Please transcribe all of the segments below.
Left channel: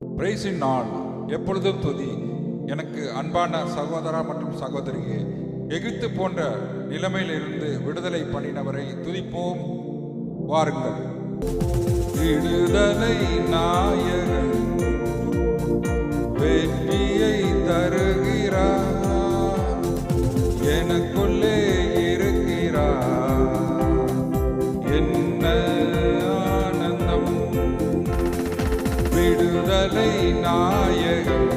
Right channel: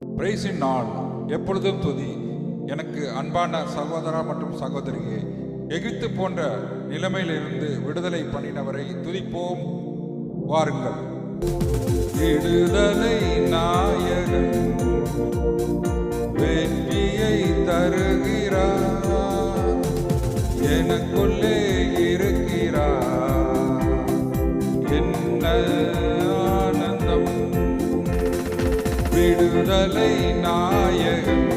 பிரைஸின் நாள் எப்பொழுதும் துதி. எனக்கு அன்பான சகோதரா மற்றும் சகோதரியே, எகிப்து போன்ற நிலைமையிலிருந்து விடுதலை பண்ணினவரை துதிப்போம். வாருங்கள். விடுதலை நாயகன் வெற்றியை தருகிறார், எனக்குள்ளே இருக்கிறார், என்ன ஆனந்தம். விடுதலை நாயகன்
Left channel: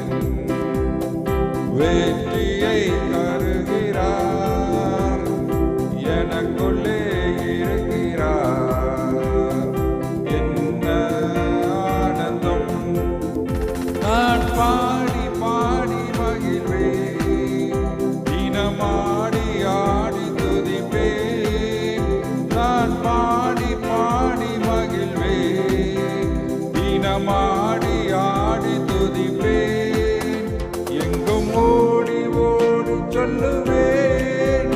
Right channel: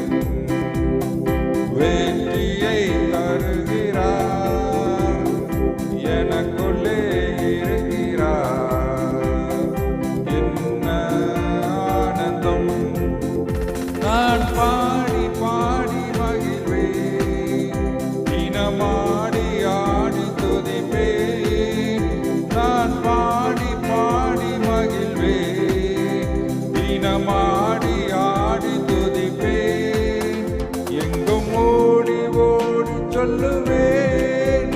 வெற்றியை தருகிறார், எனக்குள்ளே இருக்கிறார், என்ன ஆனந்தம். நான் பாடி பாடி மகிழ்வேன், தினமாடி ஆடி துதிப்பேன். நான் பாடி பாடி மகிழ்வேன், தினமாடி ஆடி துதிப்பேன். எங்கும் ஓடி ஓடி சொல்லுவேன்,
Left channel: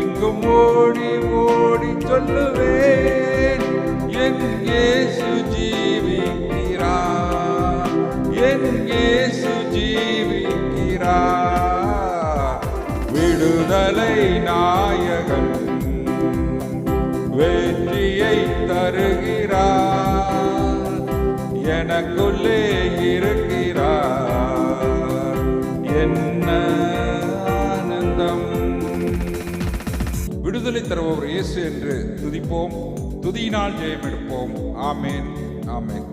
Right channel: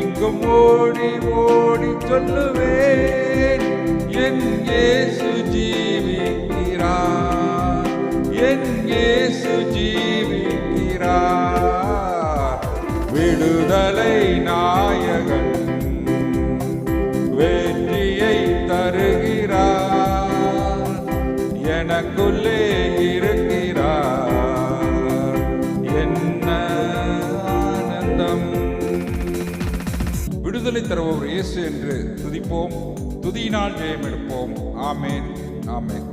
எங்கும் ஓடி ஓடி சொல்லுவேன், என் இயேசு ஜீவிக்கிறார், என் இயேசு ஜீவிக்கிறார். விடுதலை நாயகன் வெற்றியை தருகிறார், எனக்குள்ளே இருக்கிறார், என்ன ஆனந்தம். விடுதலை தருபவர் இயேசு என்று துதிப்போம். துதியினால் ஜெயம் எடுப்போம். ஆமேன், ஆமேன்.